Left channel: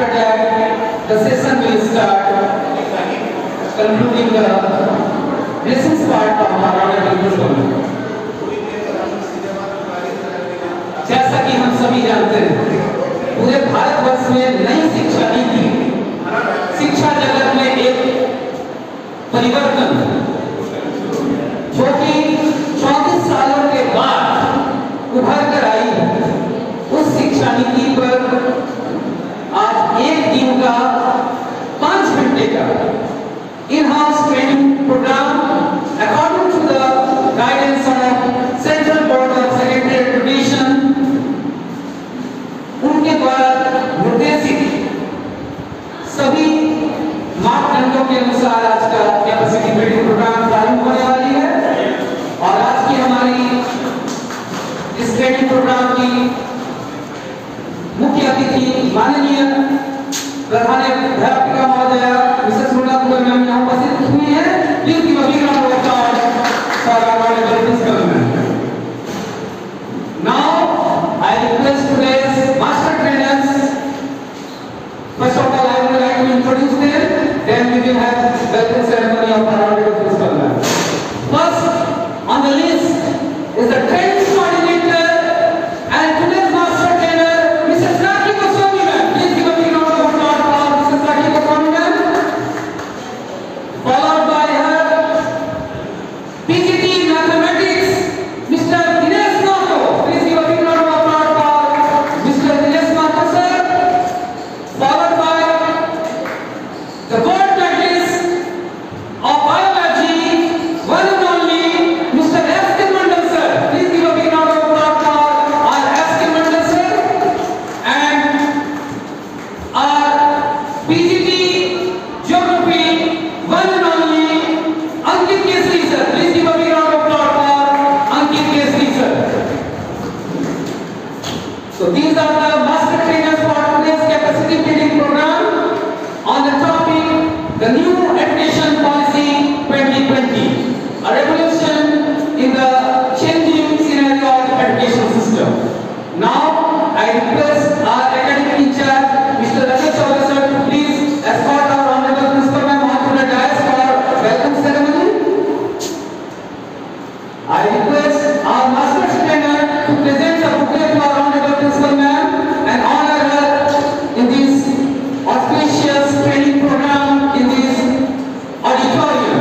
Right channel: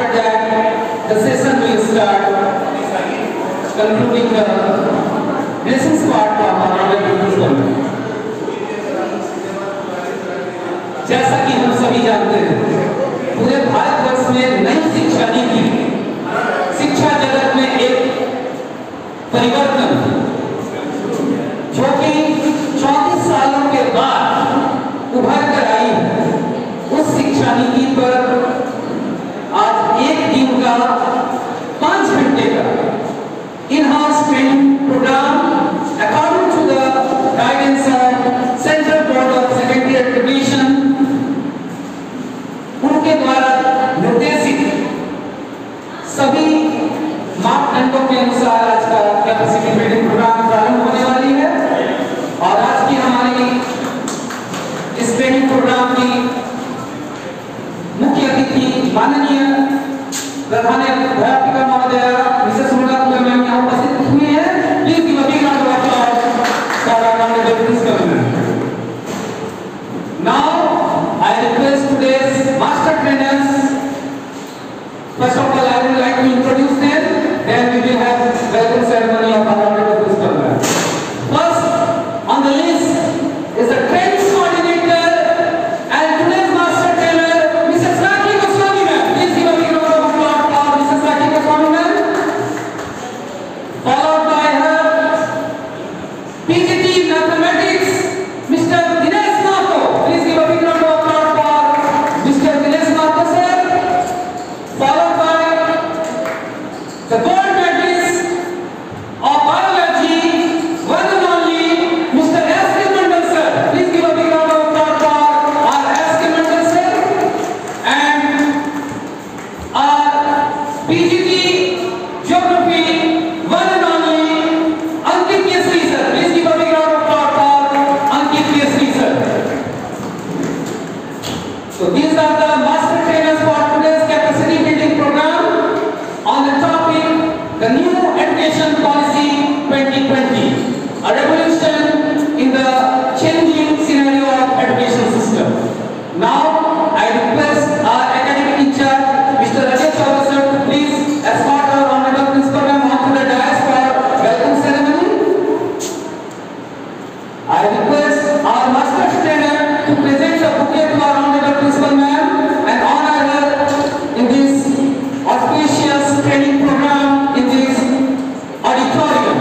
after that, the session will start, concluding the lessons part of our discussion. जैसा कि हम सभी जानते हैं, पूरे भारतवर्ष में नई शिक्षा नीति शिक्षा जगत में एक परिवर्तन, जो कि 34 सालों के बाद उभर कर आई, उस शिक्षा नीति पर आज एक दिन का 5 घंटे का in house training program according to the guidance of Central Board of Secondary Education, उनके द्वारा निर्देशित सभी मापदंडों के अनुसार आज का कैपेसिटी बिल्डिंग प्रोग्राम प्रारंभ होने वाली है। और आज की हमारी इस ट्रेनिंग प्रोग्राम की मुख्य अतिथि माननीय प्रधान अध्यापिका महोदया मिसेस मृणा कुमार मैम यहाँ उपस्थित हुई है। Please give a big round of applause for our principal ma'am. Now I request today's master trainers. First of all, I would like to introduce them. Then we will have welcome ceremony of our honorable principal. First on the list is the training coordinator and today's master trainer, Mrs. Rakhi Goswami ma'am. Please give a big round of applause for Mrs. Rakhi Goswami ma'am. Followed by her PGT Mathematics, Mr. Dinesh Nako. Please give a big round of applause for Mr. Dinesh Nako sir. Followed by the gold medalist of biology, one and only Mr. S. K. Mandal sir. Please give a big round of applause for our S. K. Mandal sir. And our PGT Geography, one and only Ankit Kesri sir. Please give a big round of applause for Ankit Kesri sir. So these are the master trainers for today's capacity building program on the topic the new education policy 2020, a revolution in the changing scenario of education system. Now I request our academic in charge Mr. Rajesh Chaudhary sir to please escort our honorable principal ma'am onto the dais for welcome ceremony. I request our master trainer to present the bouquet to our honorable principal ma'am and honor her in this auspicious training program in this auditorium.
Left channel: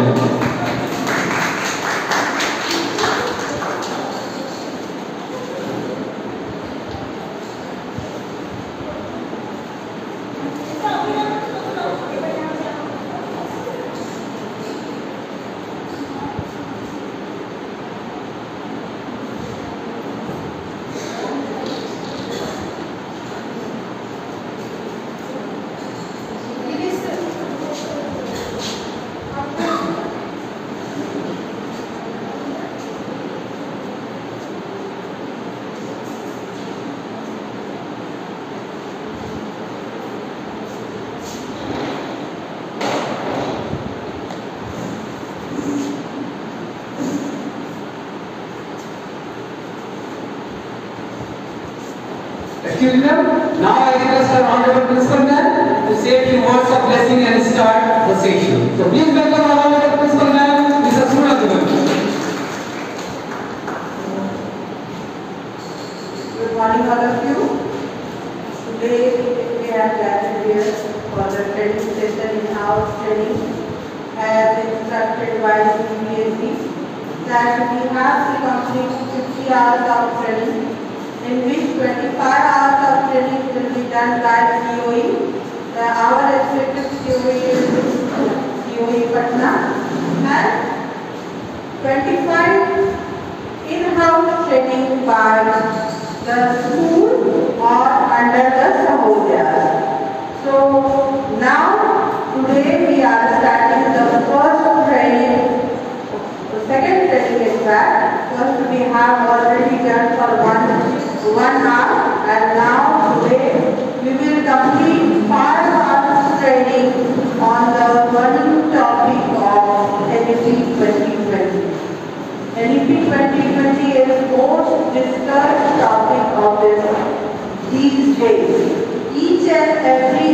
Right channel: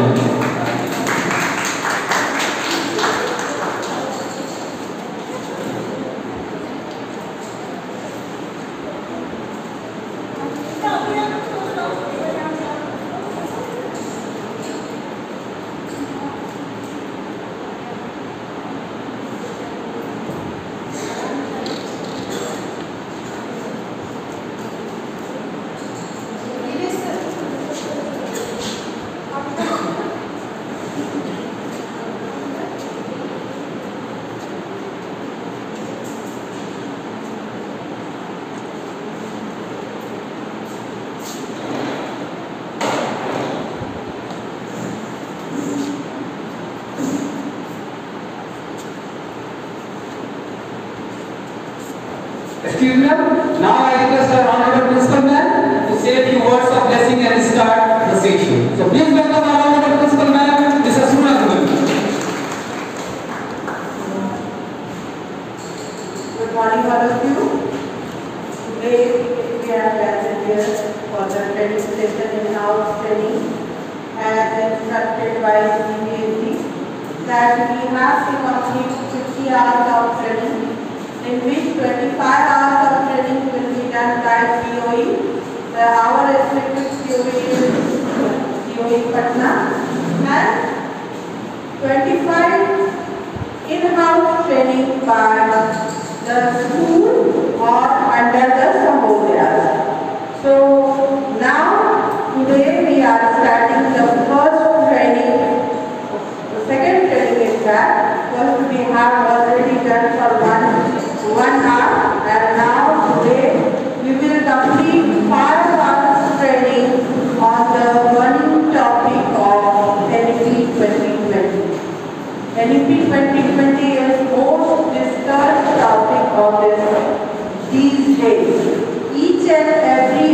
Excuse me, now I request our honorable principal ma'am to say a few words of blessing and start the session. So please welcome our honorable principal ma'am, Mrs. Muna Kumar. Good morning all of you. Today we have gathered here for the training session in house training as instructed by CBSE that we have to complete 50 hours of training, in which 25 hours of training will be done by COE. Our respective COE Patna, and 25 in-house training by the school or under the Sahodhyas. So now today we are starting the first training, the second training in fact. First we have already done for one hour, and now today we will complete 5 hours training on the burning topic of NEP 2020. NEP 2020 is most discussed topic of these days. Each and every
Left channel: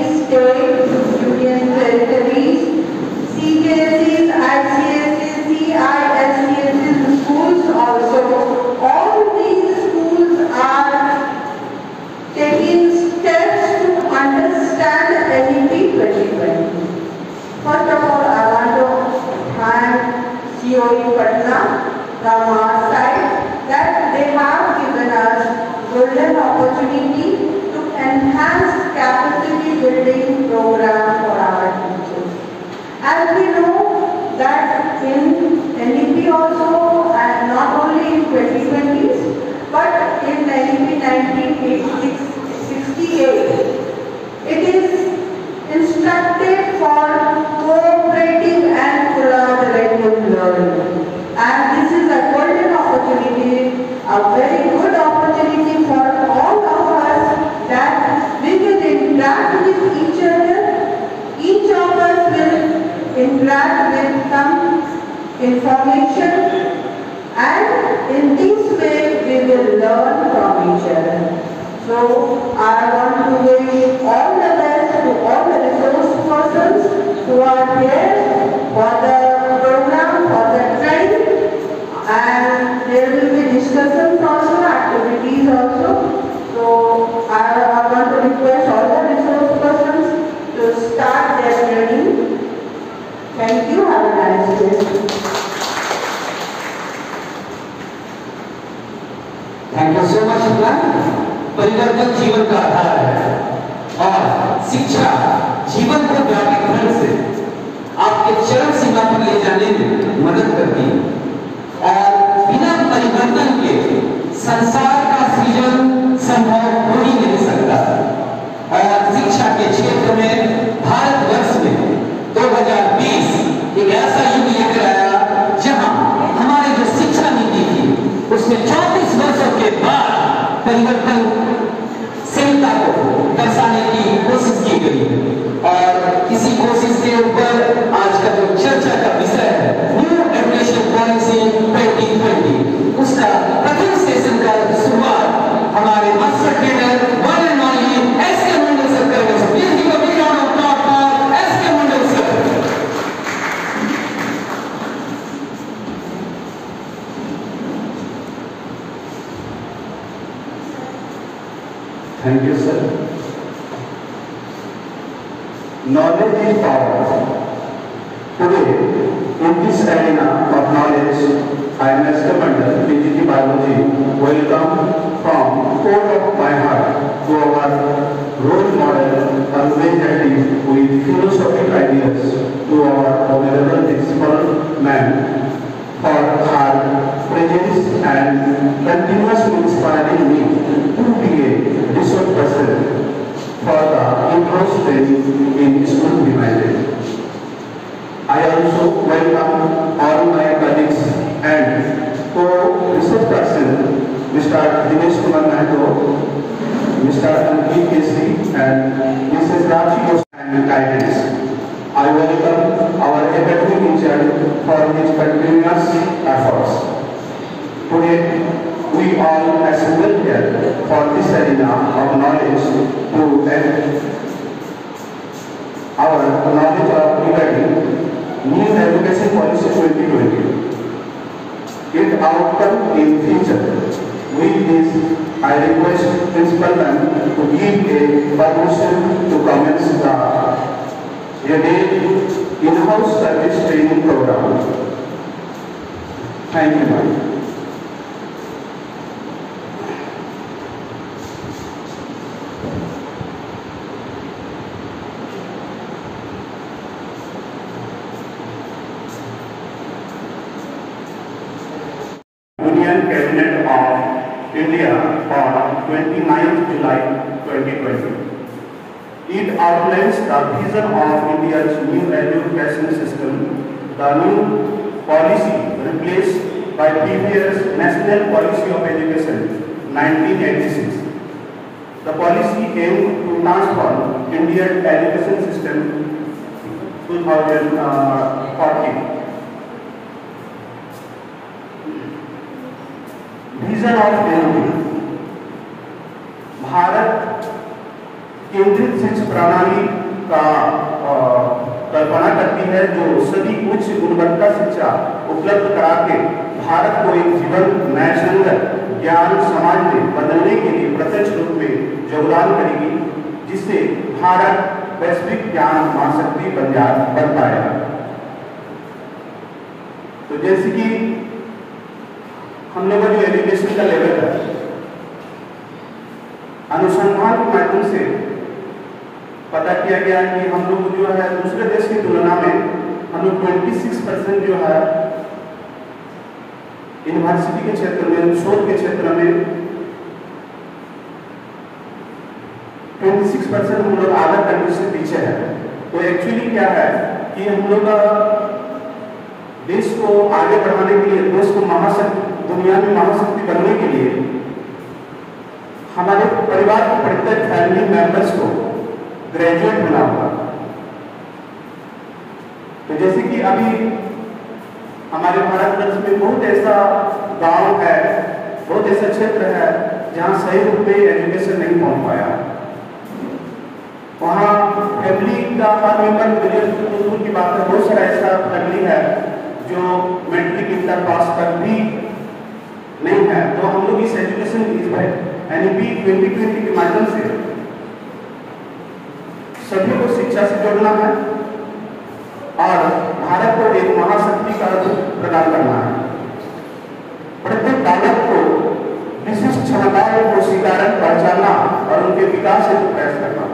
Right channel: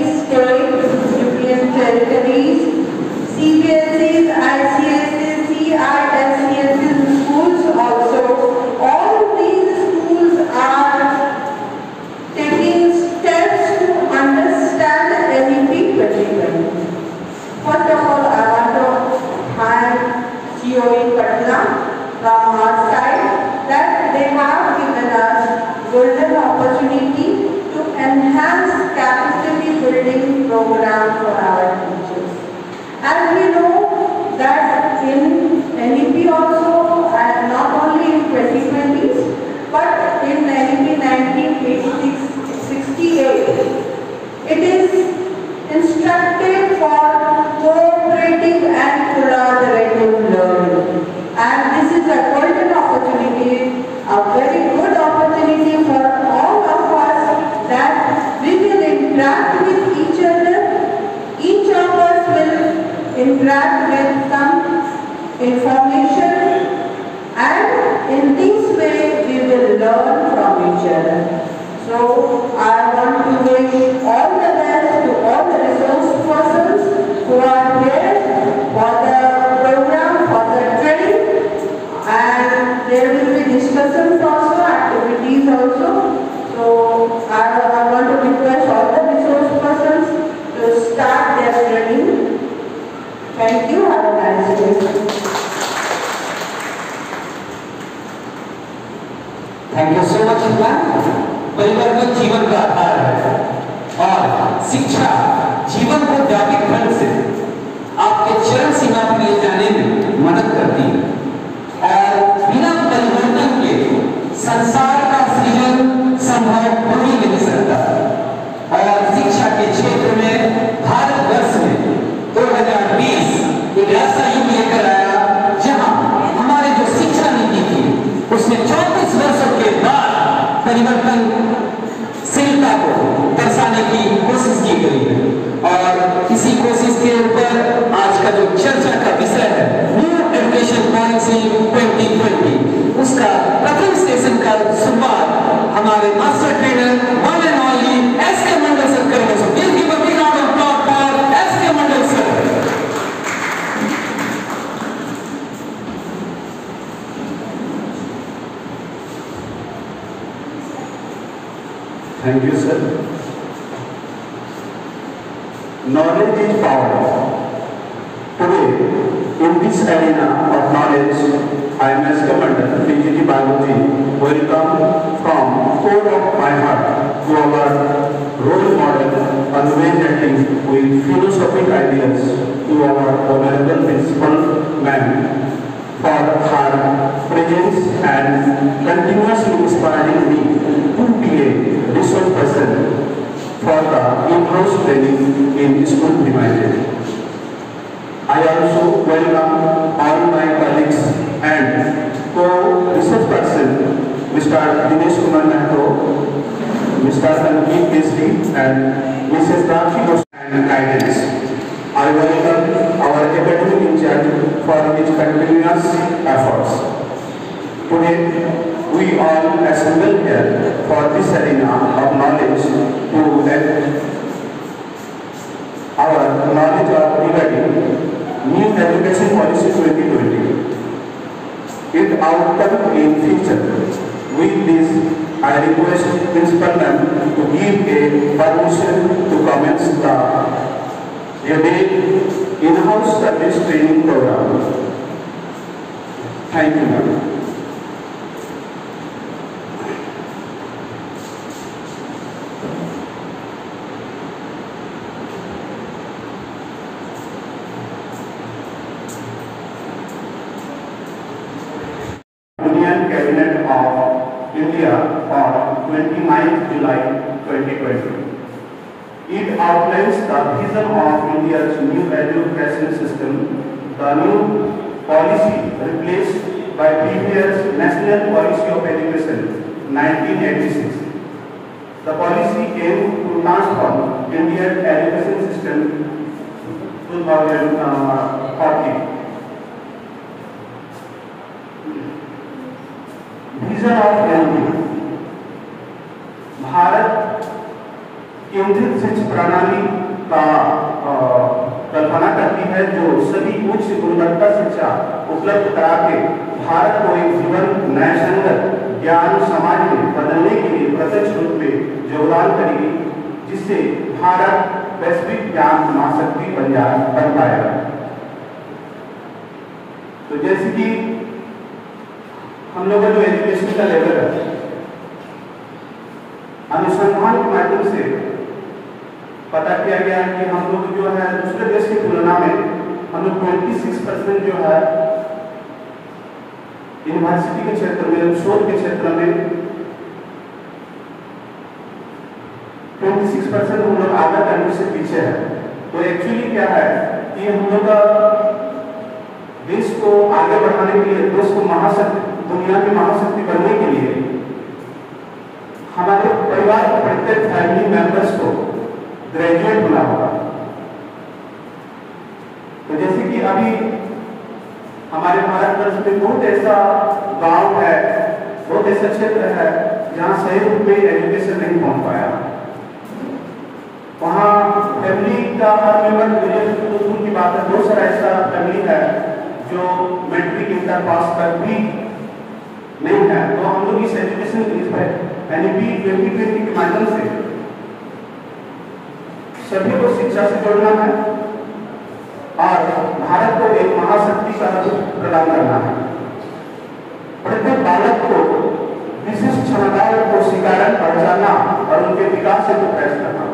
information, and in this way we will learn from each other. So I want to give all the best to all the resource persons who are here for the program, for the training, and there will be discussions also, activities also. So I want to request all the resource persons to start their training. Thank you. Have a nice day. Thank you so much Shipra. परिवर्तन जीवन का आधार है और शिक्षा जीवन को व्यापक ढंग से आपके चरम सीमा पर ले जाने में मदद करती है और बिना परिवर्तन के संसार का सृजन संभव हो ही नहीं सकता। और शिक्षा के क्षेत्र में भारतवर्ष में 2020 एक ऐसा युग लेकर आया जहां हमारी जो शिक्षा नीति थी उसने 34 वर्षों के बाद परिवर्तन शीलता को दर्शाने की कोशिश की गई है। और इसी कोशिश के ऊपर आज का जो चर्चा का विषय है न्यू एजुकेशन पॉलिसी 2020, उसका प्रथम सेशन का शुरुआत हमारे master trainer one and only S K. Mandal sir करेंगे। Please give a big round of applause for S K. Mandal sir. Thank you, sir. Knowledge is power. Today, in this arena of knowledge, I am S.K. Mandal, PGT Biology, welcome from core of my heart to our role model, always active with philosophic ideas, to our honorable principal man for our presence and continuously inspiring me to be a resource person for the in-house training in school demanded. I also welcome all my colleagues and co-research person, Mr. Dinesh Kumar Mahto, Mr. Ankit Kesri, and Mrs. Rakshi and guidance. I welcome our academic in charge for his continuous efforts. Today, we all assembled here for this arena of knowledge to add our knowledge of regarding new education policy 2020. Its outcome in future. With this, I request Principal Ma'am to give a permission to commence the in-house service training program. Thank you, ma'am. Union Cabinet of India on 29th July 2020. It outlines the vision of India's new education system. The new policy replaced by previous National Policy of Education 1986. The policy aimed to transform India's education system 2040. Vision of NP Bharat केंद्रित शिक्षा प्रणाली का कल्पना करती है जो सभी उच्च गुणवत्ता शिक्षा उपलब्ध करा के भारत को एक जीवन न्याय ज्ञान समाज में बदलने के लिए प्रत्यक्ष रूप में योगदान करेगी, जिससे भारत वैश्विक ज्ञान महाशक्ति बन पाएगा। तो जैसे कि हम लोग जो एजुकेशन का लेवल है अनुसंधान के माध्यम से पता किया गया है कि हम लोग जो है दूसरे देश की तुलना में हम लोग 26% जो है यूनिवर्सिटी के क्षेत्र में शोध के क्षेत्र में 26% हम लोग आधा कंट्री से पीछे है। तो एक्चुअली क्या है कि हम लोग देश को आगे बढ़ाने के लिए, देश को महाशक्ति दुनिया में महाशक्ति करने के लिए हमारे परिवार के प्रत्येक फैमिली मेंबर्स को ग्रेजुएट मिला होगा। तो जैसे कि अभी हमारे भारत वर्ष में बहुत ऐसा गांव है, बहुत ऐसा क्षेत्र है जहाँ सही रूप में एजुकेशन नहीं पहुँच पाया। वहाँ फैमिली का हर मेंबर मेरे दोस्तों की बात है, बहुत सारा ऐसा फैमिली है जो मैट्रिक इंटर पास तक भी नहीं है। तो हम लोग इस एजुकेशन NEP 2020 के माध्यम से सभी को शिक्षा से जोड़ना है और भारत को एक महाशक्ति का रूप प्रदान करना है। प्रत्येक बालक को विशिष्ट क्षमताओं को स्वीकार पहचानना और उनके विकास से प्रयास करना।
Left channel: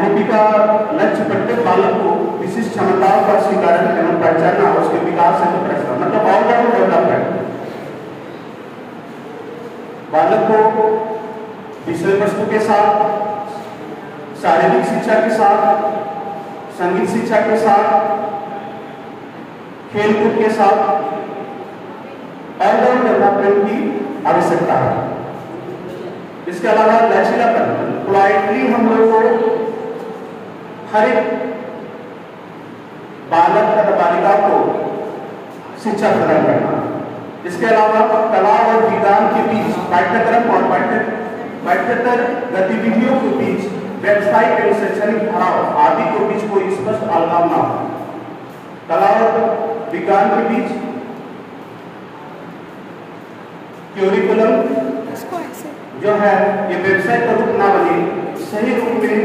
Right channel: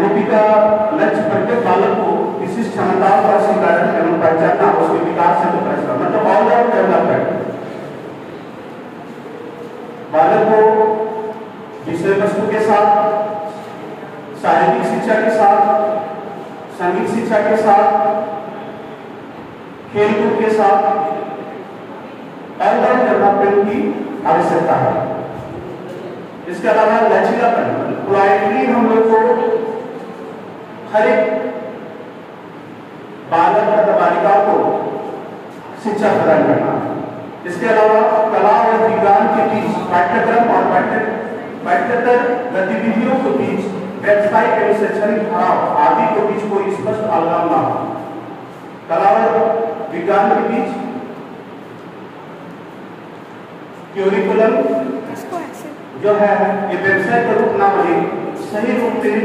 NEP का लक्ष्य प्रत्येक बालक को विशिष्ट क्षमताओं का स्वीकार एवं पहचानना और उसके विकास से प्रयास करना, मतलब ऑलराउंड डेवलपमेंट। बालक को विषय वस्तु के साथ, शारीरिक शिक्षा के साथ, संगीत शिक्षा के साथ, खेलकूद के साथ ऑलराउंड डेवलपमेंट की आवश्यकता है। इसके अलावा लचीलापन, पोलाइटली हम लोग को हर एक बालक और बालिका को शिक्षा प्रदान करना। इसके अलावा कला और विज्ञान के बीच पाठ्यक्रम और पाठ्येतर गतिविधियों के बीच व्यावसायिक एवं शैक्षणिक भाव आदि के बीच कोई स्पष्ट अलगाव न हो। कला और विज्ञान के बीच क्यूरिकुलम जो है ये व्यवसाय का रूप न बने, सही रूप में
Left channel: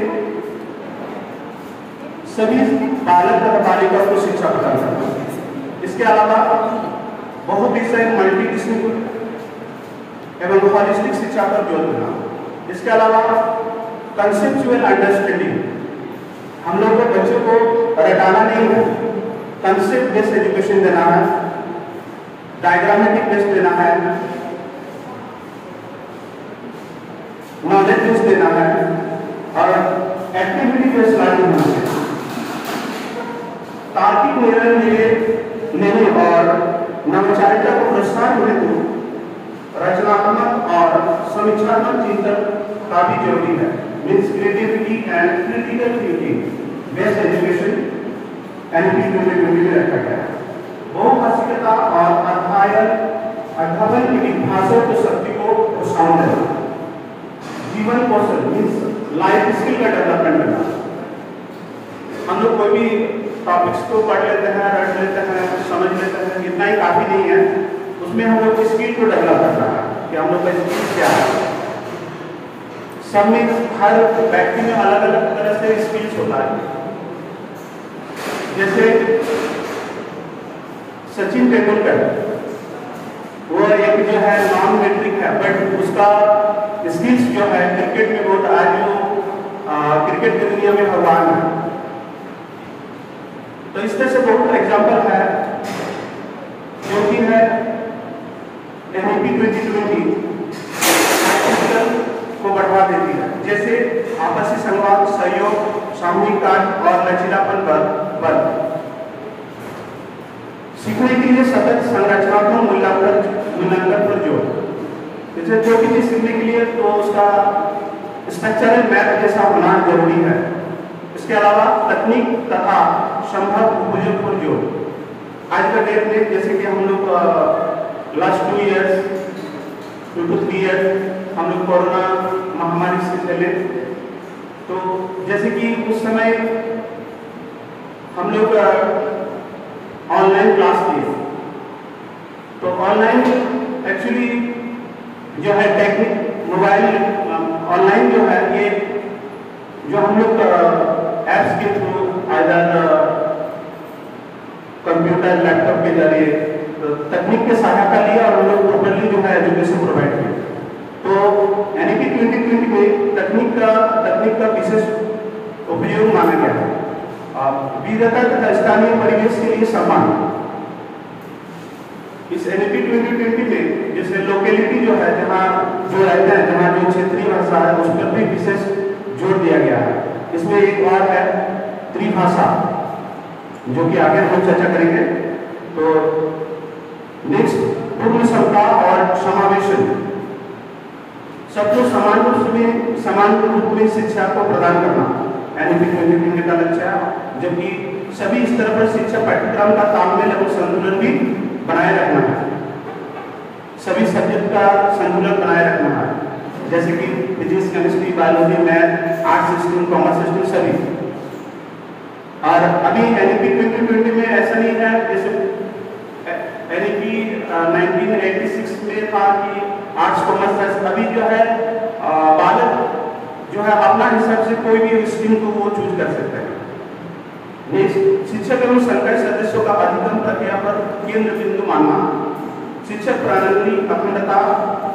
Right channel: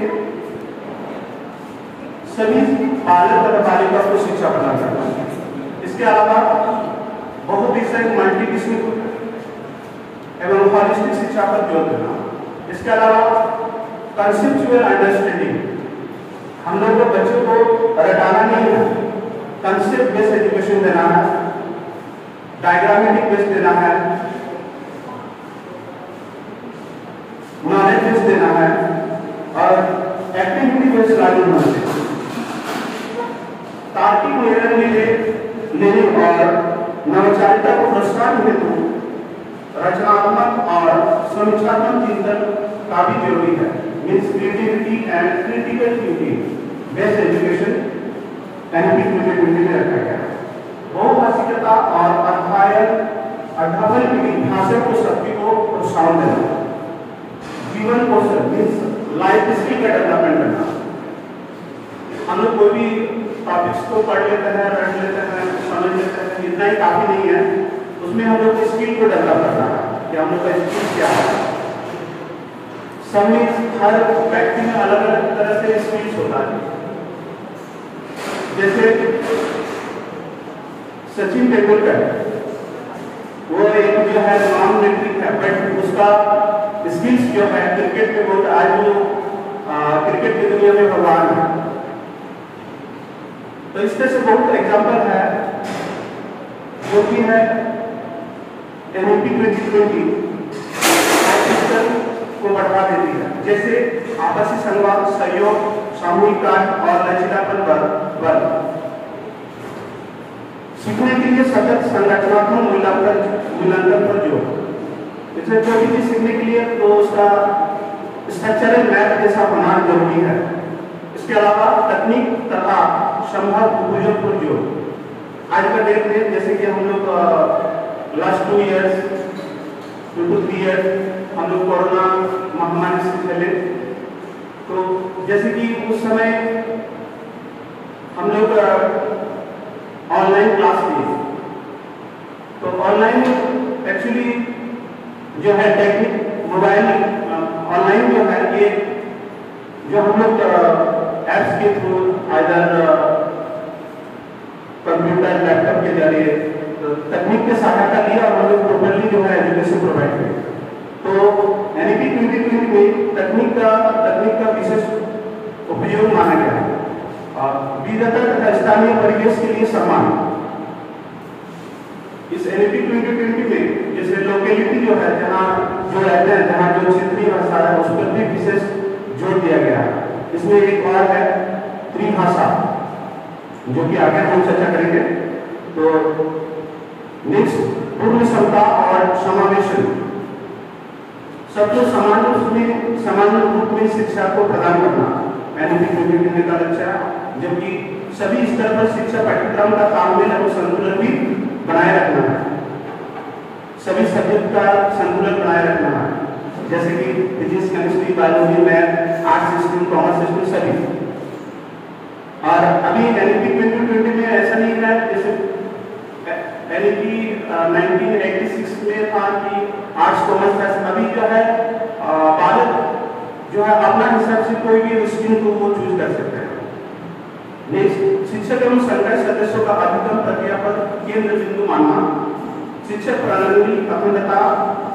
सभी बालक और बालिका को शिक्षा प्रदान करना। इसके अलावा बहुविषय मल्टीविषय एवं हॉलिस्टिक शिक्षा पर जोर देना। इसके अलावा कंसेप्चुअल अंडरस्टैंडिंग, हम लोग को बच्चों को रटाना नहीं है, कंसेप्ट बेस्ड एजुकेशन देना है, डायग्रामेटिक बेस्ड देना है, नॉलेज बेस्ड देना है और एक्टिविटी बेस्ड लर्निंग होना चाहिए। तार्किक निर्णय लेने और नवाचारिता को प्रोत्साहन हेतु रचनात्मक और समीक्षात्मक चिंतन काफी जरूरी है। Means creativity and critical thinking based education NEP 2020 में रखा गया है। बहुभाषिकता और अध्ययन की भाषा को शक्ति को प्रोत्साहन देना, जीवन कौशल मीन्स लाइफ स्किल का डेवलपमेंट करना। हम लोग कोई भी टॉपिक्स को पढ़ लेते हैं, रट लेते हैं, समझ लेते हैं, इतना ही काफी नहीं है। उसमें हम लोग स्किल को डेवलप करना है कि हम लोग का स्किल क्या है। सब में हर व्यक्ति में अलग अलग तरह से स्किल्स होता है। जैसे सचिन तेंदुलकर, वो एक जो है नॉन मैट्रिक है, बट उसका स्किल्स जो है क्रिकेट में बहुत आज जो क्रिकेट की दुनिया में भगवान है। तो इस तरह से बहुत एग्जाम्पल है जो कि है NEP 2020 को बढ़ावा देती है। जैसे आपसी संवाद, सहयोग, सामूहिक कार्य और लचीलापन का बल। सीखने के लिए सतत संरचनात्मक मूल्यांकन पर जोर। जैसे कोई भी चीज सीखने के लिए तो उसका स्ट्रक्चरल मैप जैसा होना जरूरी है। इसके अलावा तकनीक तथा संभव उपयोग पर जोर। आज का डेट में जैसे कि हम लोग लास्ट 2 years 2 to 3 years हम लोग कोरोना महामारी से चले, तो जैसे कि उस समय हम लोग ऑनलाइन क्लास दी। तो ऑनलाइन एक्चुअली जो है टेक्निक मोबाइल ऑनलाइन जो है ये जो हम लोग एप्स के थ्रू आइदर कंप्यूटर लैपटॉप के जरिए तो तकनीक के सहायता लिया और हम लोग टोटली जो है एजुकेशन प्रोवाइड किया। तो NEP 2020 में तकनीक का विशेष उपयोग माना गया है। विविधता तथा स्थानीय परिवेश के लिए सम्मान। इस NEP 2020 में जैसे लोकेलिटी जो है, जहाँ जो रहते हैं, जहाँ जो क्षेत्रीय भाषा है, उस पर भी विशेष जोर दिया गया है। इसमें एक और है त्रिभाषा, जो कि आगे हम चर्चा करेंगे। तो नेक्स्ट पूर्ण क्षमता और समावेशन, सबको समान रूप में शिक्षा को प्रदान करना NEP 2020 का लक्ष्य है। जबकि सभी स्तर पर शिक्षा पाठ्यक्रम का तालमेल और संतुलन भी बनाए रखना है। सभी सब्जेक्ट का संतुलन बनाए रखना है, जैसे कि physics, chemistry, biology, math, arts stream, commerce stream सभी। और अभी एनईपी 2020 में ऐसा नहीं है, जैसे एनईपी 1986 में था कि आर्ट्स कॉमर्स साइंस। अभी जो है बालक जो है अपना हिसाब से कोई भी स्ट्रीम को वो चूज कर सकता है। शिक्षक एवं संकाय सदस्यों का अधिगम प्रक्रिया पर केंद्र बिंदु मानना, शिक्षक प्रणाली अखंडता,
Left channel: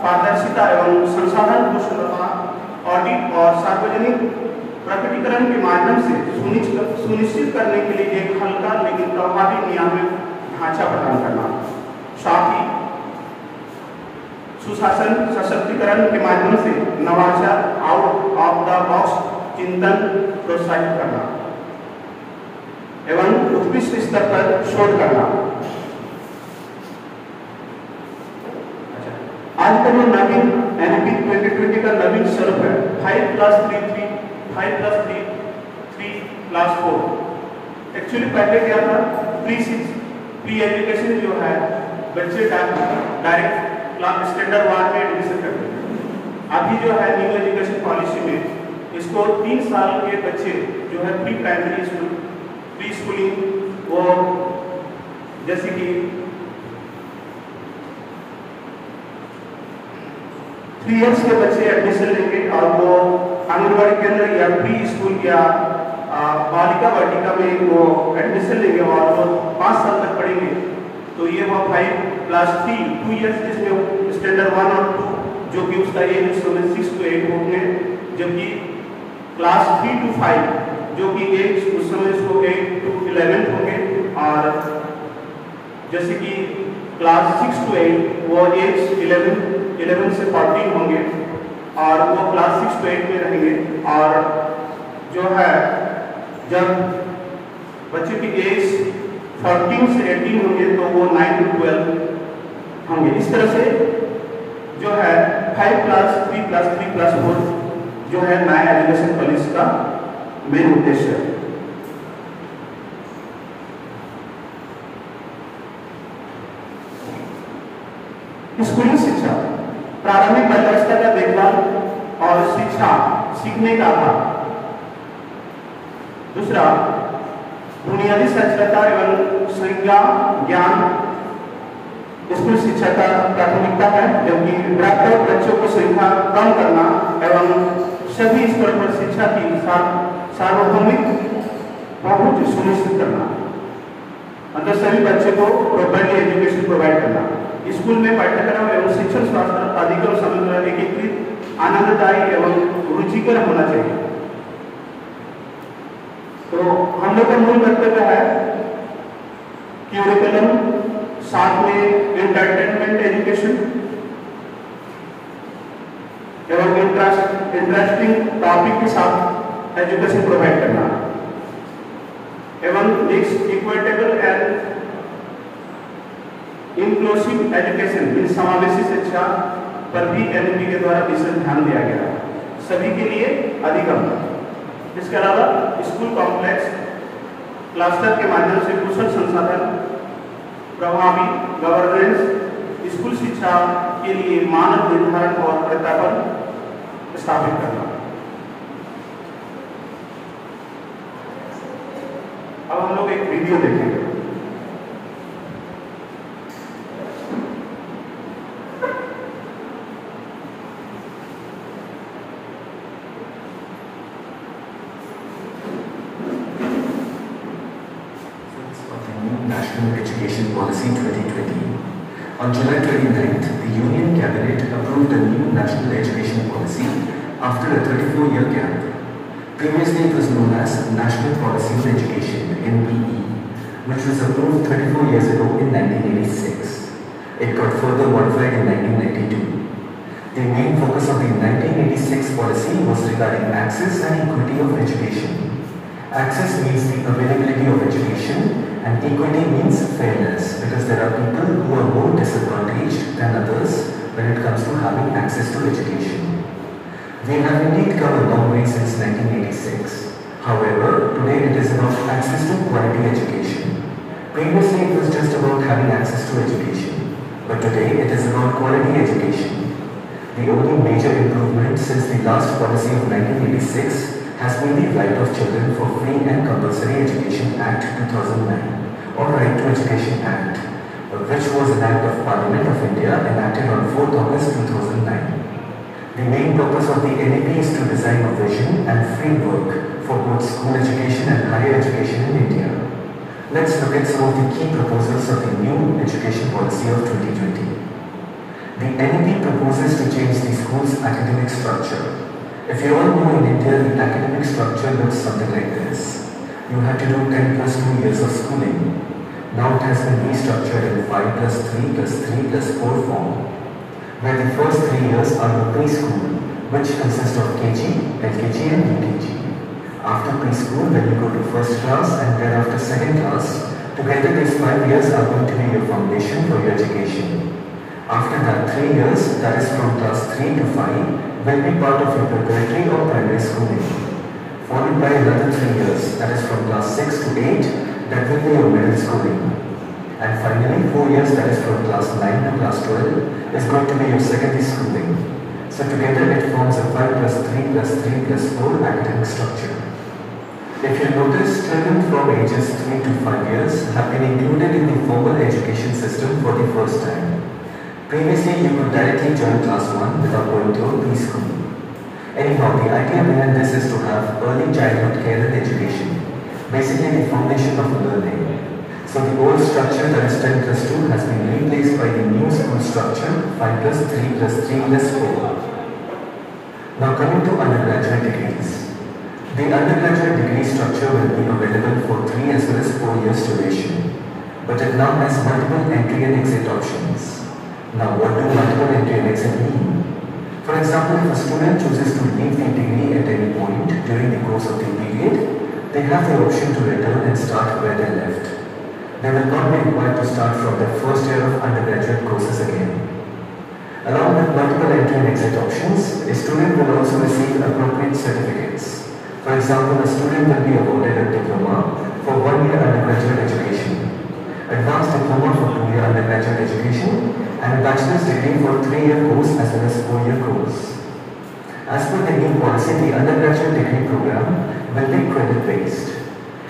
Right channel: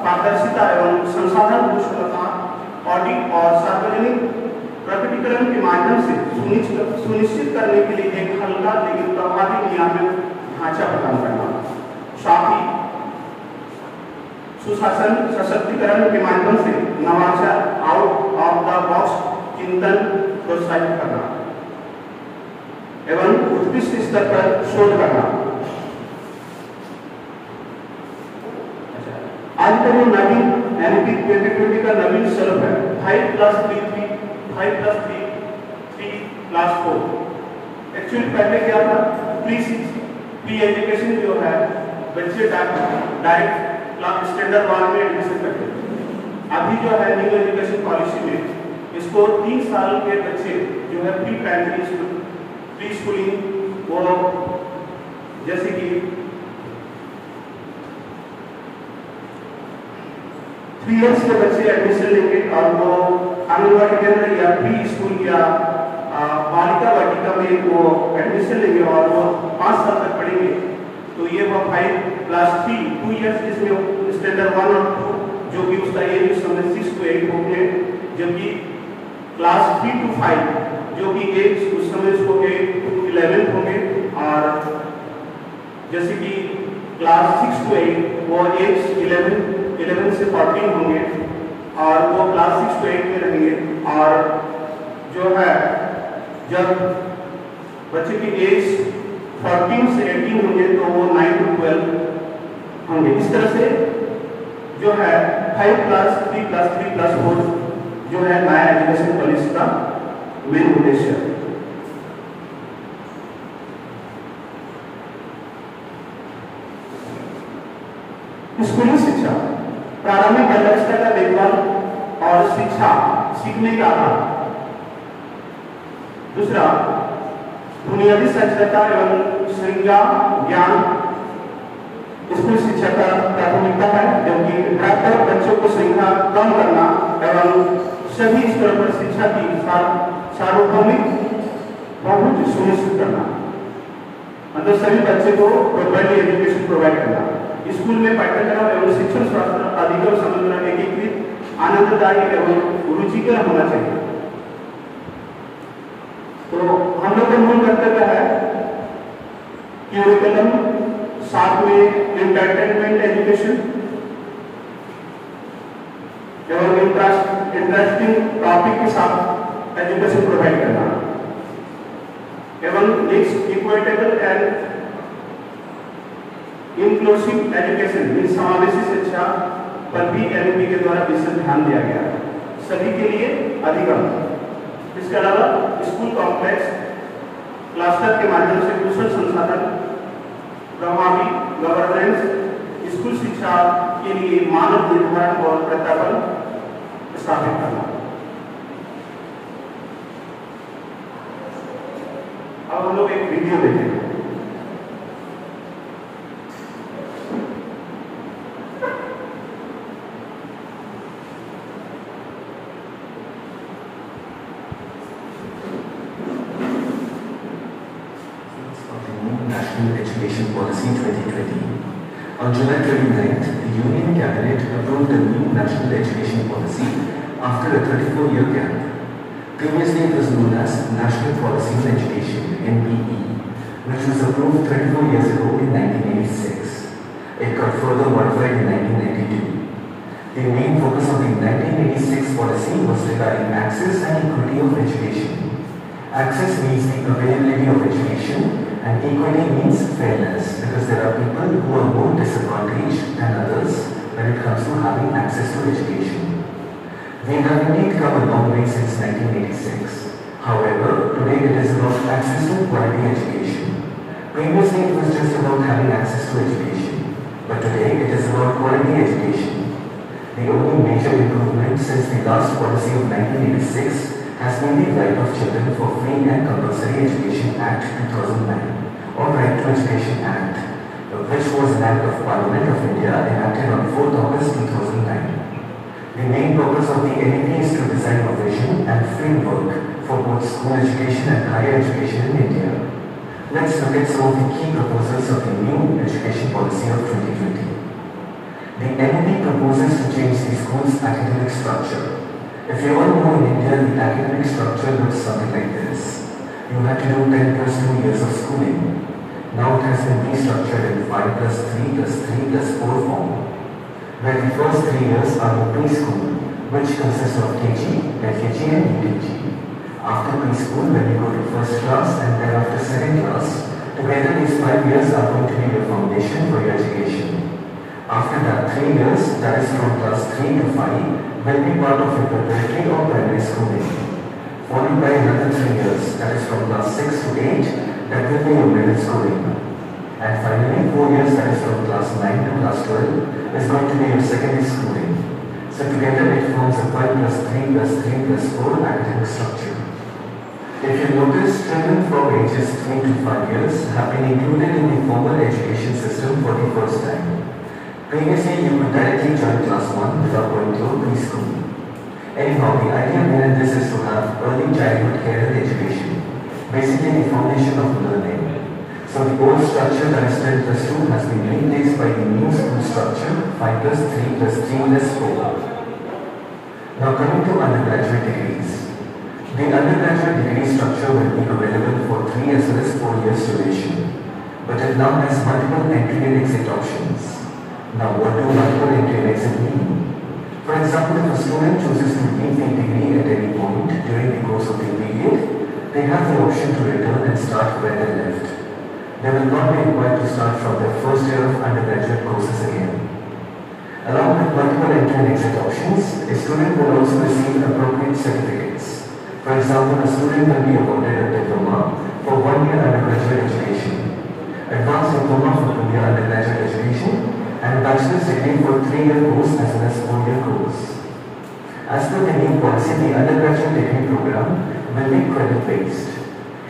पारदर्शिता एवं संसाधन कुशलता, ऑडिट और सार्वजनिक प्रकटीकरण के माध्यम से सुनिश्चित करने के लिए एक हल्का लेकिन प्रभावी नियामक ढांचा प्रदान करना, साथ ही सुशासन सशक्तिकरण के माध्यम से नवाचार, आउट ऑफ द बॉक्स चिंतन प्रोत्साहित करना एवं उत्कृष्ट स्तर पर शोध करना। आज का जो नवीन एनईपी 2020 का नवीन स्वरूप है 5+3+4। एक्चुअली पहले क्या था, प्री एजुकेशन जो है बच्चे डायरेक्ट क्लास स्टैंडर्ड 1 में एडमिशन करते थे। अभी जो है न्यू एजुकेशन पॉलिसी में इसको 3 साल के बच्चे जो है pre primary school, pre schooling, वो जैसे कि 3 इयर्स के बच्चे एडमिशन लेंगे और वो आंगनबाड़ी केंद्र या प्री स्कूल या बालिका वाटिका में वो एडमिशन लेंगे और वो 5 साल तक पढ़ेंगे। तो ये वो 5+3 2 इयर्स इसमें स्टैंडर्ड 1 और 2, जो कि उसका एज उस समय 6 to 8 हो गए, जबकि क्लास 3 to 5 जो कि एज उस समय उसको 8 to 11 हो गए, और जैसे कि क्लास 6 to 8 वो एज 11 से 14 होंगे और वो क्लास 6 to 8 में रहेंगे। और जो है जब बच्चे की एज 14 से 18 होंगे तो वो 9 to 12 होंगे। इस तरह से जो है 5+3+3+4 जो है नया एजुकेशन पॉलिसी का मेन उद्देश्य है। स्कूली शिक्षा प्रारंभिक बाल्यावस्था का देखभाल और शिक्षा सीखने का आधार। दूसरा, बुनियादी साक्षरता एवं संज्ञा ज्ञान स्कूल शिक्षा का प्राथमिकता है, जबकि डॉक्टर बच्चों की संख्या कम करना एवं सभी स्तर पर शिक्षा की सार्वभौमिक पहुंच सुनिश्चित करना, मतलब सभी बच्चे को क्वालिटी एजुकेशन प्रोवाइड करना। स्कूल में पाठ्यक्रम एवं शिक्षण शास्त्र अधिक और समग्र, एकीकृत, आनंददायी एवं रुचिकर होना चाहिए। तो हम लोग का मूल कर्तव्य है क्यूरिकुलम, साथ में एंटरटेनमेंट एजुकेशन एवं इंटरेस्टिंग टॉपिक के साथ एजुकेशन प्रोवाइड करना एवं next equitable and inclusive education, इन समावेशी शिक्षा पर भी एनईपी के द्वारा विशेष ध्यान दिया गया, सभी के लिए अधिगम। इसके अलावा स्कूल कॉम्प्लेक्स क्लस्टर के माध्यम से कुशल संसाधन, प्रभावी गवर्नेंस, स्कूल शिक्षा के लिए मानक निर्धारण और प्रत्यापन स्थापित करना। अब हम लोग एक वीडियो देखेंगे। National Education Policy 2020. On July 29th, the Union Cabinet approved a new National Education Policy after a 34-year gap. Previously, it was known as National Policy on Education (NPE), which was approved 34 years ago in 1986. It got further modified in 1992. The main focus of the 1986 policy was regarding access and equity of education. Access means the availability of education, and equity means fairness, because there are people who are more disadvantaged than others when it comes to having access to education. We have indeed come a long way since 1986. However, today it is about access to quality education. Previously it was just about having access to education, but today it is about quality education. The only major improvement since the last policy of 1986 has been the Right of Children for Free and Compulsory Education Act 2009, or Right to Education Act, which was an Act of Parliament of India enacted on 4th August 2009. The main purpose of the NEP is to design a vision and framework for both school education and higher education in India. Let's look at some of the key proposals of the new education policy of 2020. The NEP proposes to change the school's academic structure. If you all know, in India, the academic structure looks something like this. You had to do 10 plus 2 years of schooling. Now it has been restructured in 5 plus 3 plus 3 plus 4 form, where the first 3 years are the preschool, which consists of KG, LKG and UKG. After preschool, when you go to first class and then after second class, together these 5 years are going to be your foundation for your education. After that 3 years, that is from class 3 to 5, will be part of your preparatory or primary schooling. Followed by another 3 years, that is from class 6 to 8, that will be your middle schooling. And finally 4 years, that is from class 9 to class 12, is going to be your secondary schooling. So together it forms a 5 plus 3 plus 3 plus 4 academic structure. If you notice, children from ages 3 to 5 years have been included in the formal education system for the first time. Previously, you could directly join class 1 without going to a preschool. Anyhow, the idea behind this is to have early childhood care and education, basically the foundation of learning. So the old structure, that is 10 plus 2, has been replaced by the new school structure, 5 plus 3 plus 3 plus 4. Now coming to undergraduate degrees. The undergraduate degree structure will be available for 3 as well as 4 years duration, but it now has multiple entry and exit options. Now, what do multiple entry and exit mean? For example, if a student chooses to leave the degree at any point during the course of the period, they have the option to return and start where they left. They will not be required to start from the first year of undergraduate courses again. Along with multiple entry and exit options, a student will also receive appropriate certificates. For example, a student will be awarded a diploma for 1 year undergraduate education, advanced diploma for 2 year undergraduate education, and bachelor's degree for 3-year course as well as 4-year course. As per the new policy, the undergraduate degree program will be credit-based.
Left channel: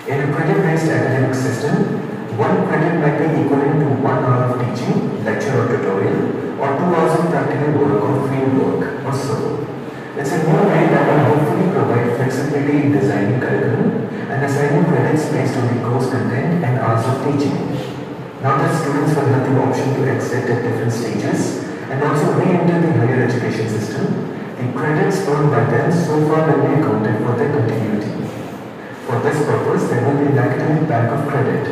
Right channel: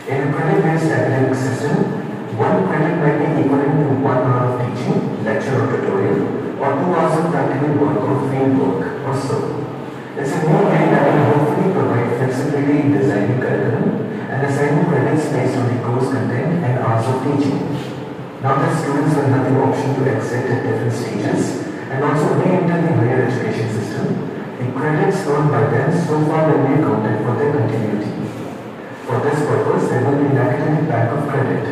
In a credit-based academic system, 1 credit might be equivalent to 1 hour of teaching, lecture or tutorial, or 2 hours of practical work or field work, or so. It's a new way that will hopefully provide flexibility in designing curriculum and assigning credits based on the course content and hours of teaching. Now that students will have the option to exit at different stages and also re-enter the higher education system, the credits earned by them so far will be accounted for their continuity. For this purpose, there will be an academic bank of credit,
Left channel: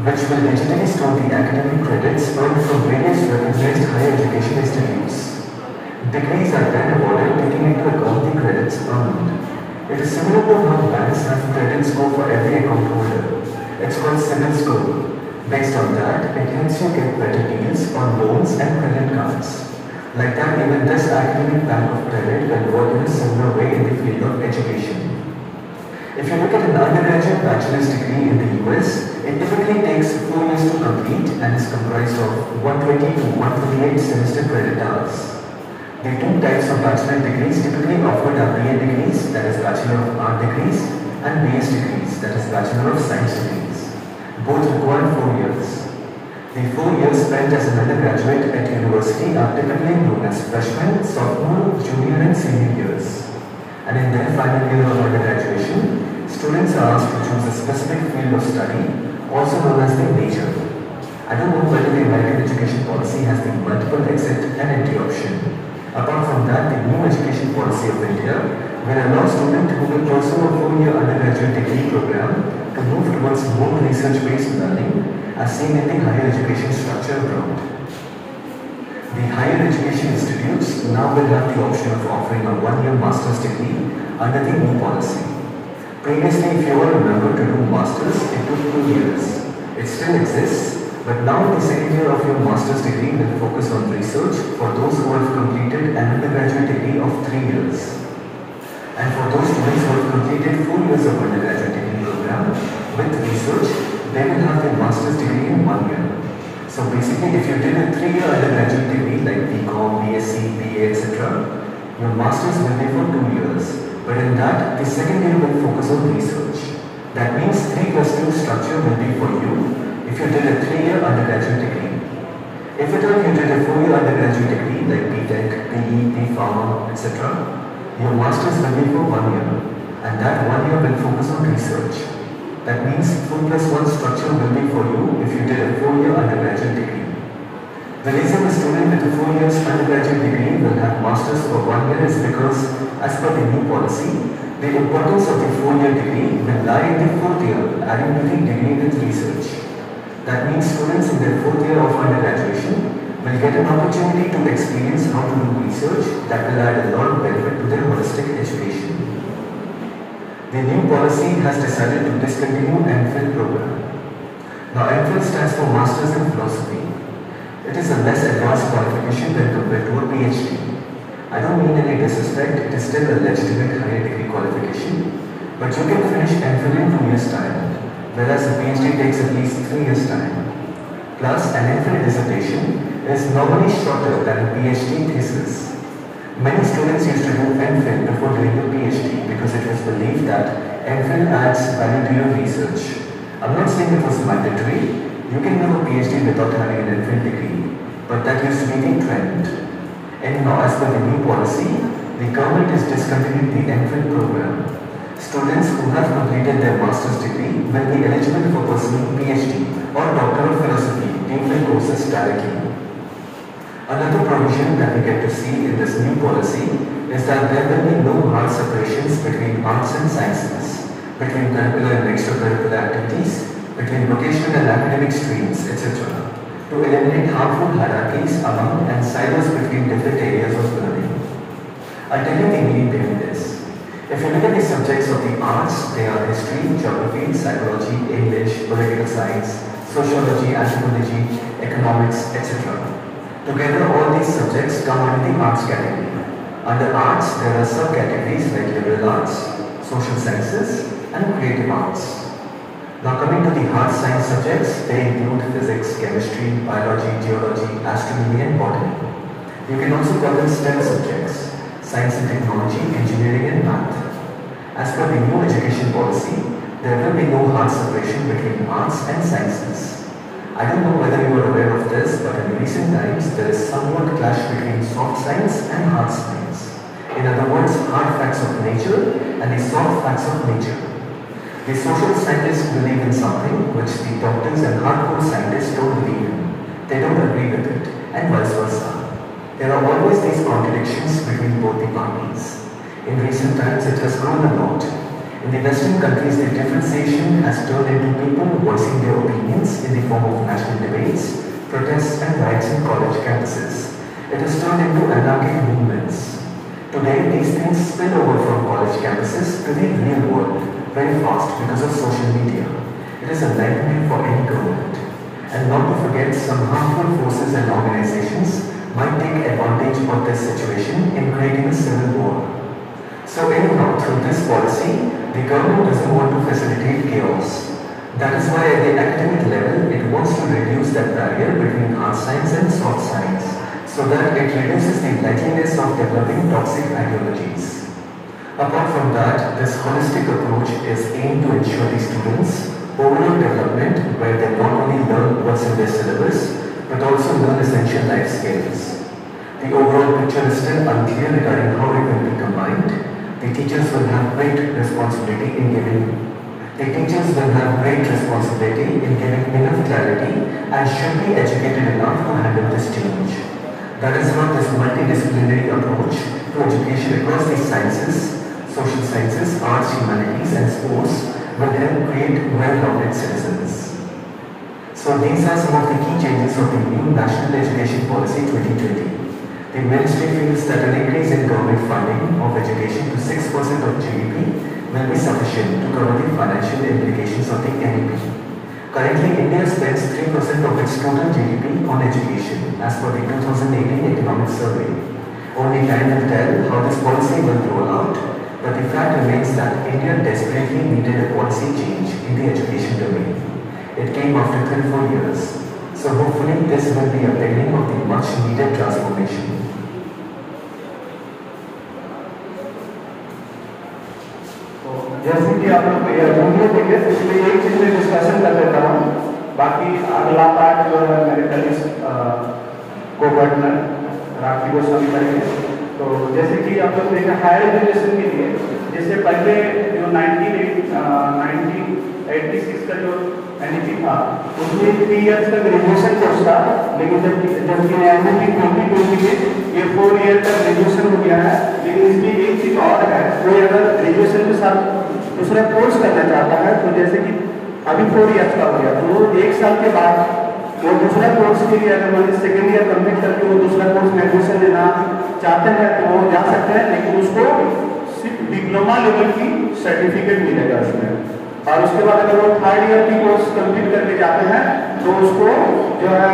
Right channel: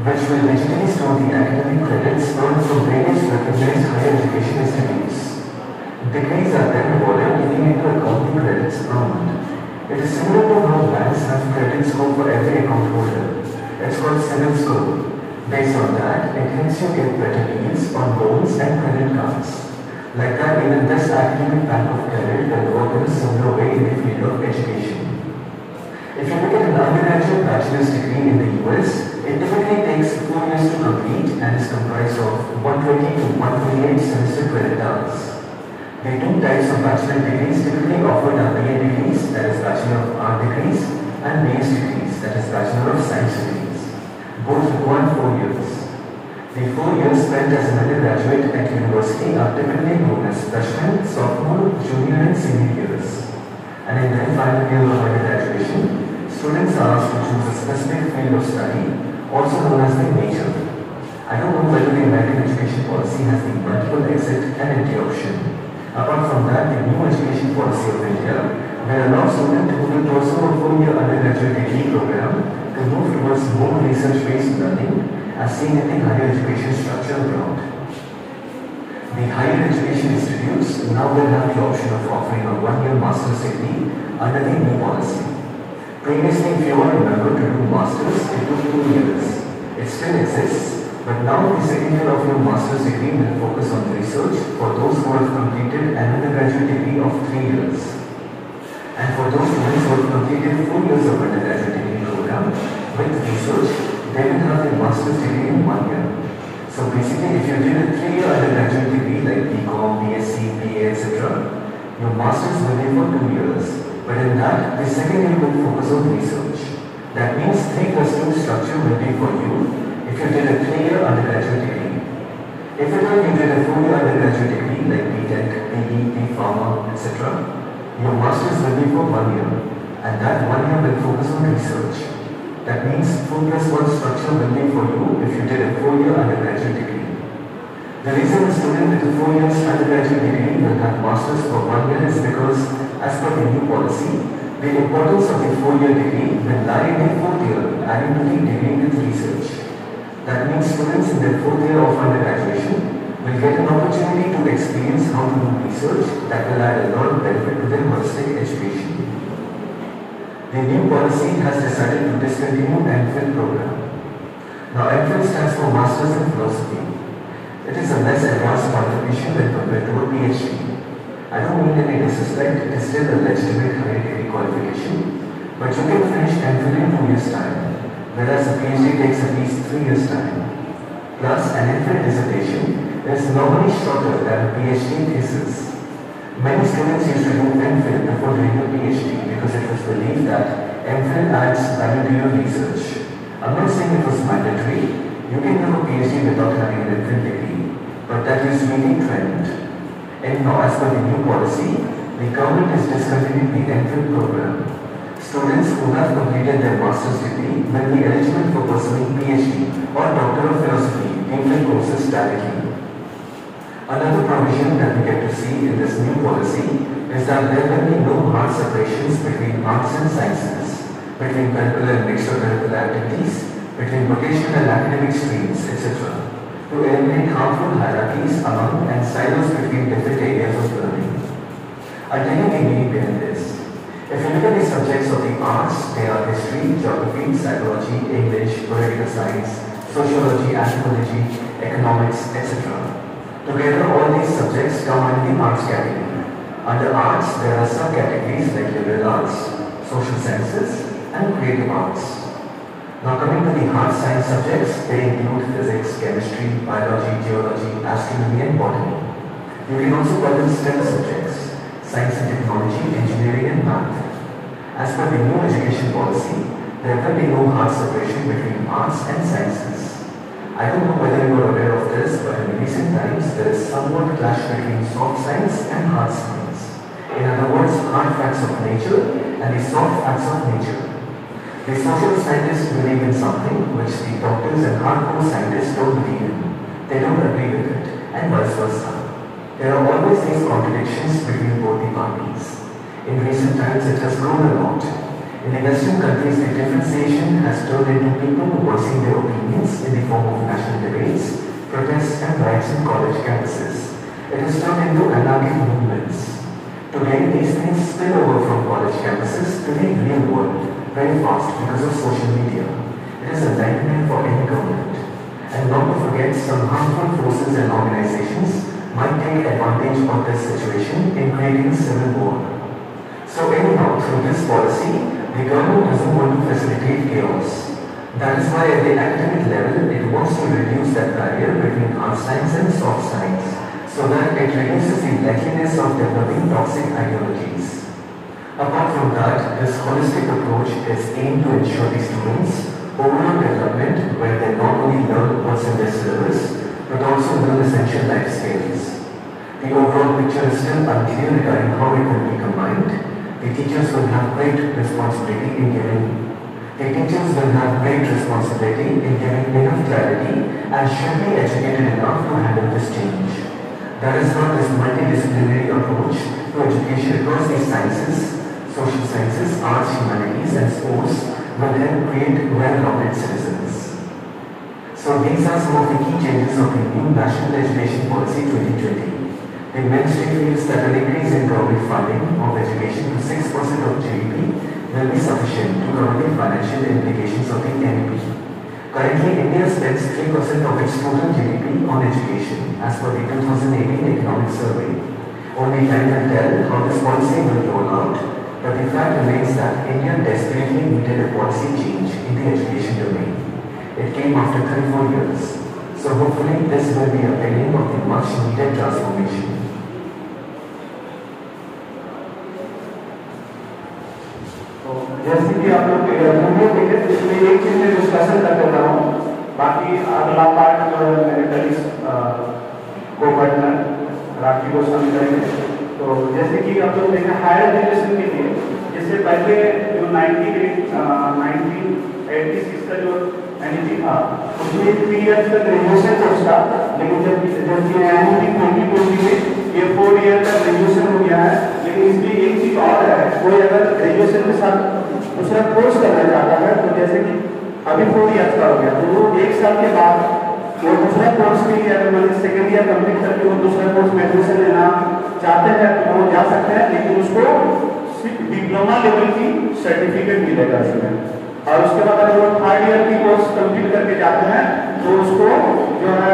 which will digitally store the academic credits earned from various recognized higher education institutes. Degrees are then awarded taking into account the credits earned. It is similar to how banks have credit score for every account holder. It's called CIBIL score. Based on that, it helps you get better deals on loans and credit cards. Like that, even this academic bank of credit will work in a similar way in the field of education. If you look at an undergraduate bachelor's degree in the US, it typically takes 4 years to complete and is comprised of 120 to 128 semester credit hours. The 2 types of bachelor degrees typically offered are BA degrees, that is Bachelor of Art degrees, and BS degrees, that is Bachelor of Science degrees. Both require 4 years. The 4 years spent as an undergraduate at university are typically known as freshman, sophomore, junior and senior years. And in their final year of undergraduation, students are asked to choose a specific field of study, also known as their major. I don't know whether the American education policy has the multiple exit and entry option. Apart from that, the new education policy of India will allow students who will pursue a 4-year undergraduate degree program to move towards more research-based learning as seen in the higher education structure abroad. The higher education institutes now will have the option of offering a 1-year master's degree under the new policy. Previously, if you all remember, to do masters, it took 2 years. It still exists, but now the second year of your master's degree will focus on research for those who have completed an undergraduate degree of 3 years. And for those students who have completed 4 years of undergraduate degree program with research, they will have their master's degree in 1 year. So basically, if you did a 3-year undergraduate degree like BCom, BSc, BA, etc., your master's will be for 2 years. But in that, the second year will focus on research. That means 3+2 structure will be for you if you did a 3-year undergraduate degree. If at all you did a 4-year undergraduate degree like BTech, PE, B.Pharma, etc., your master's will be for 1 year, and that 1 year will focus on research. That means 4+1 structure will be for you if you did a 4-year undergraduate degree. The reason a student with a 4 years undergraduate degree will have masters for 1 year is because, as per the new policy, the importance of the 4-year degree will lie in the 4th year, adding to the degree with research. That means students in their 4th year of undergraduation will get an opportunity to experience how to do research that will add a lot of benefit to their holistic education. The new policy has decided to discontinue MPhil program. Now MPhil stands for Masters in Philosophy. It is a less advanced qualification when compared to a PhD. I don't mean any disrespect, it is still a legitimate higher degree qualification, but you can finish MPhil in 2 years' time, whereas a PhD takes at least 3 years' time. Plus, an MPhil dissertation is normally shorter than a PhD thesis. Many students used to do MPhil before doing a PhD because it was believed that MPhil adds value to your research. I'm not saying it was mandatory. You can do a PhD without having an MPhil degree, but that used to be the trend. And now, as per the new policy, the government is discontinuing the MPhil program. Students who have completed their master's degree will be eligible for pursuing PhD or Doctor of Philosophy during courses directly. Another provision that we get to see in this new policy is that there will be no hard separations between arts and sciences, between curricular and extracurricular activities, between vocational and academic streams, etc., to eliminate harmful hierarchies among and silos between different areas of learning. I'll tell you the meaning behind this. If you look at the subjects of the arts, they are history, geography, psychology, English, political science, sociology, anthropology, economics, etc. Together, all these subjects come under the arts category. Under arts, there are subcategories like liberal arts, social sciences, and creative arts. Now coming to the hard science subjects, they include physics, chemistry, biology, geology, astronomy, and botany. You can also call them STEM subjects, science and technology, engineering, and math. As per the new education policy, there will be no hard separation between arts and sciences. I don't know whether you are aware of this, but in recent times there is somewhat clash between soft science and hard science. In other words, hard facts of nature and the soft facts of nature. The social scientists believe in something which the doctors and hardcore scientists don't believe in. They don't agree with it, and vice versa. There are always these contradictions between both the parties. In recent times it has grown a lot. In the Western countries, the differentiation has turned into people voicing their opinions in the form of national debates, protests, and riots in college campuses. It has turned into anarchic movements. Today, these things spill over from college campuses to the real world very fast because of social media. It is a nightmare for any government. And not to forget, some harmful forces and organizations might take advantage of this situation in creating a civil war. So anyhow, through this policy, the government doesn't want to facilitate chaos. That is why at the academic level, it wants to reduce that barrier between hard science and soft science, so that it reduces the likeliness of developing toxic ideologies. Apart from that, this holistic approach is aimed to ensure the students' overall development, where they not only learn what's in their syllabus, but also learn essential life skills. The overall picture is still unclear regarding how it will be combined. The teachers will have great responsibility in giving enough clarity and should be educated enough to handle this change. That is how this multidisciplinary approach to education across the sciences, social sciences, arts, humanities, and sports will help create well-rounded citizens. So these are some of the key changes of the new National Education Policy 2020. The ministry feels that an increase in government funding of education to 6% of GDP will be sufficient to cover the financial implications of the NEP. Currently, India spends 3% of its total GDP on education, as per the 2018 Economic Survey. Only time will tell how this policy will roll out, but the fact remains that India desperately needed a policy change in the education domain. It came after 34 years, so hopefully this will be a beginning of the much needed transformation. जैसे कि आप लोग video देखे उसमें एक चीज में discussion कर देता हूँ, बाकी अगला पार्ट मेरे कलीग्स गोवर्धन राठी गोस्वामी करेंगे। तो जैसे कि आप लोग देखें हायर एजुकेशन के लिए जिससे पहले जो 1986 का जो एनईपी था उसमें 3 इयर्स का ग्रेजुएशन कोर्स था, लेकिन जबकि एनईपी 2020 में ये 4 ईयर का ग्रेजुएशन हो गया है। लेकिन इसमें एक चीज और है, कोई अगर ग्रेजुएशन के साथ दूसरा कोर्स करना चाहता है तो जैसे कि अभी 4 इयर्स का हो गया तो वो 1 साल के बाद वो दूसरा कोर्स के लिए अगर मतलब सेकेंड ईयर कंप्लीट करके वो दूसरा कोर्स में एडमिशन लेना चाहते हैं तो वो जा सकते हैं, लेकिन उसको सिर्फ डिप्लोमा लेवल की सर्टिफिकेट मिलेगा उसमें। और उसके बाद अगर वो 3rd ईयर की कोर्स कंप्लीट करके जाते हैं तो उसको जो है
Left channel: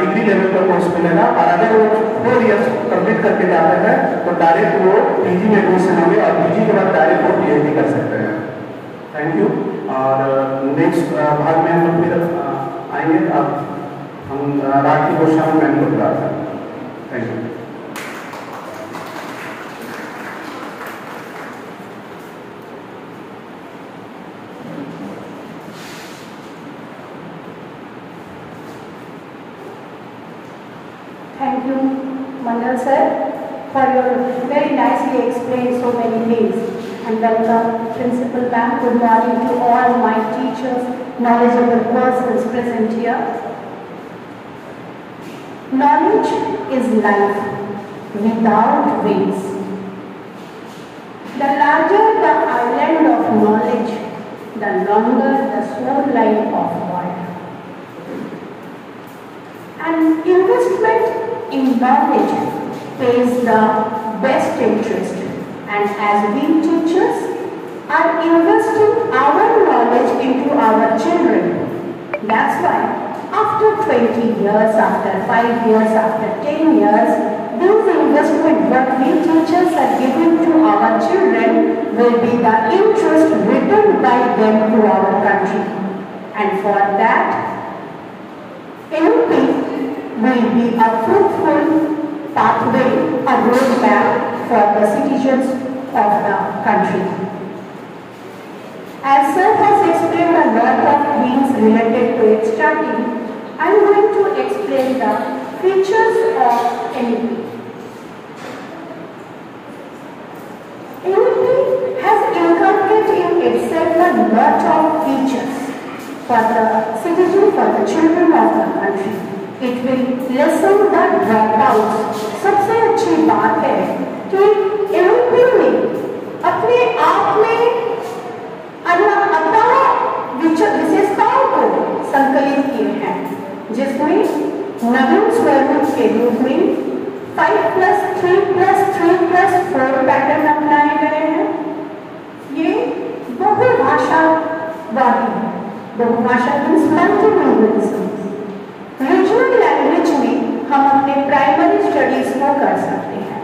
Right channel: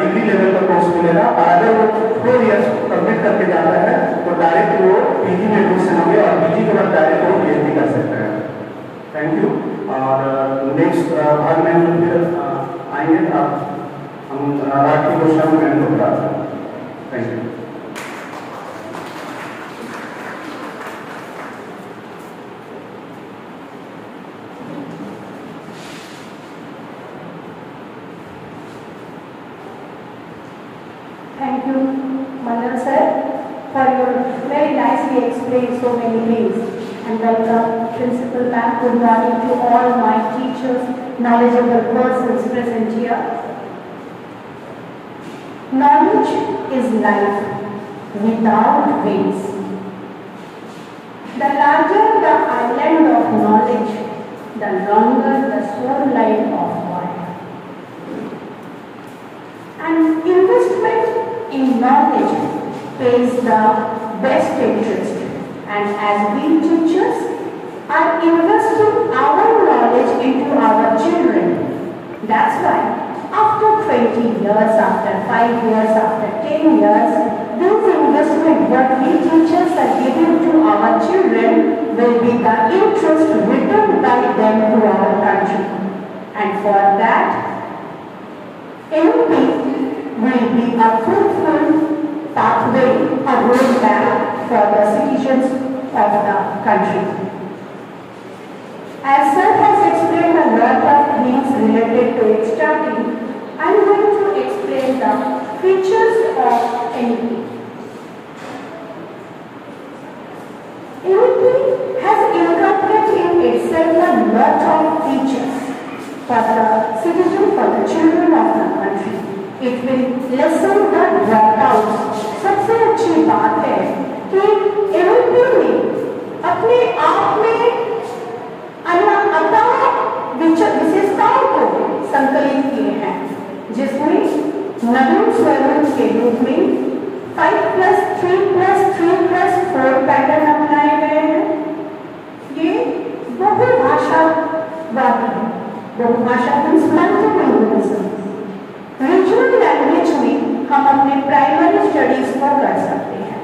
डिग्री लेवल का कोर्स मिलेगा। और अगर वो 4 इयर्स कंप्लीट करके जाते हैं तो डायरेक्ट वो पीजी में एडमिशन होंगे और पीजी के बाद डायरेक्ट वो पीएचडी कर सकते हैं। Thank you. और नेक्स्ट भाग में हम फिर आएंगे, हम राठी गोस्वामी मैम को बुलाते हैं। Thank you. Thank you, Mandal sir, for your very nicely explained so many things. And welcome, Principal Ma'am. Good morning to all my teachers, knowledgeable persons present here. Knowledge is life without wings. The larger the island of knowledge, the longer the shoreline of water. And investment in knowledge pays the best interest, and as we teachers are investing our knowledge into our children. That's why after 20 years, after 5 years, after 10 years, this investment what we teachers are giving to our children will be the interest returned by them to our country. And for that, MP will be a fruitful pathway, a roadmap for the citizens of the country. As sir has explained a lot of things related to extra team, I am going to explain the features of NEP. NEP has inculcated in itself a lot of features for the citizen, for the children of the country. It will lessen the dropouts. सबसे अच्छी बात है कि NEP ने अपने आप में विशेषताओं को संकलित किए हैं, जिसमें नवीन स्वरूप के रूप में 5+3+3+4 पैटर्न अपनाए गए हैं। ये बहुभाषावादी है। बहुभाषा रीजनल लैंग्वेज में हम अपने प्राइमरी स्टडीज को कर सकते हैं।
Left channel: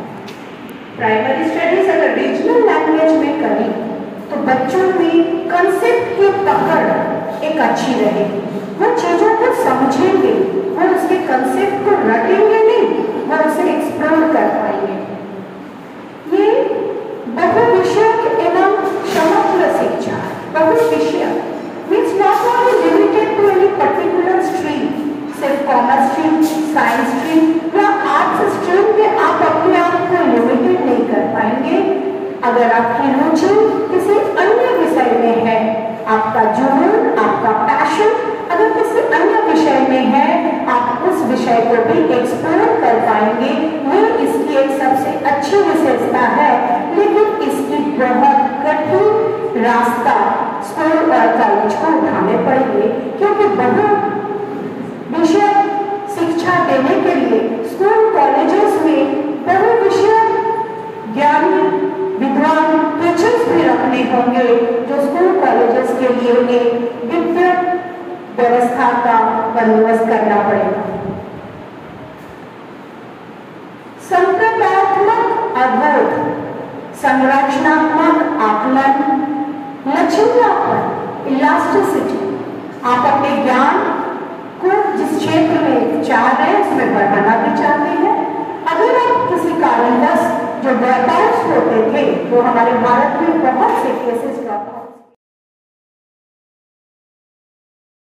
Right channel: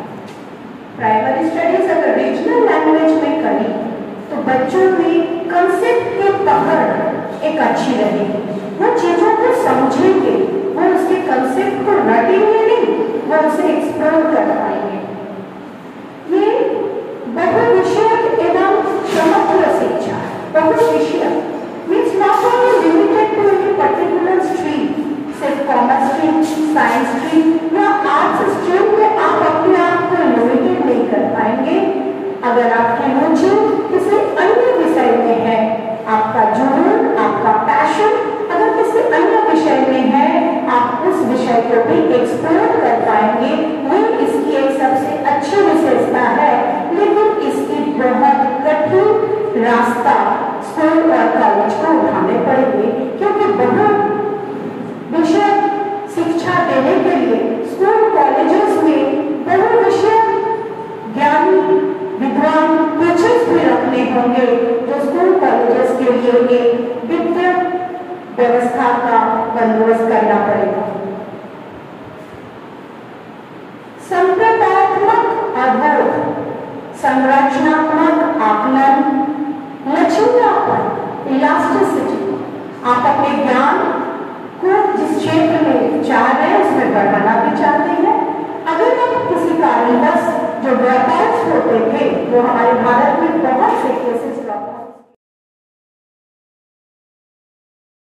प्राइमरी स्टडीज अगर रीजनल लैंग्वेज में करें तो बच्चों में कंसेप्ट की पकड़ एक अच्छी रहेगी, वो चीजों को समझेंगे, वो उसके कंसेप्ट को रटेंगे नहीं, वो उसे एक्सप्लोर कर पाएंगे। ये बहुविषयक एवं समग्र शिक्षा, बहुविषयक means not only limited to any particular stream, सिर्फ कॉमर्स स्ट्रीम, साइंस स्ट्रीम या आर्ट्स स्ट्रीम में आप अपने आप को लिमिटेड नहीं कर पाएंगे। अगर आपकी रुचि किसी अन्य विषय में है, आपका जुनून, आपका पैशन अगर किसी अन्य विषय में है, आप उस विषय को भी एक्सप्लोर कर पाएंगे। ये इसकी एक सबसे अच्छी विशेषता है, लेकिन इसकी बहुत कठिन रास्ता स्कूल और कॉलेज को उठाने पड़ेंगे, क्योंकि बहु विषय शिक्षा देने के लिए स्कूल कॉलेजेस में बहु विषय ज्ञानी विद्वान टीचर्स भी रखने होंगे, जो स्कूल कॉलेजेस के लिए एक वित्तीय व्यवस्था का बंदोबस्त करना पड़ेगा। संप्रदायात्मक अवरोध, संरचनात्मक लचीलापन, इलास्टिसिटी। आप अपने ज्ञान को जिस क्षेत्र में चाह रहे हैं उसमें बढ़ाना भी चाहते हैं। अगर आप किसी कारणवश जो ड्रॉपआउट्स होते थे, जो हमारे भारत में बहुत से केसेस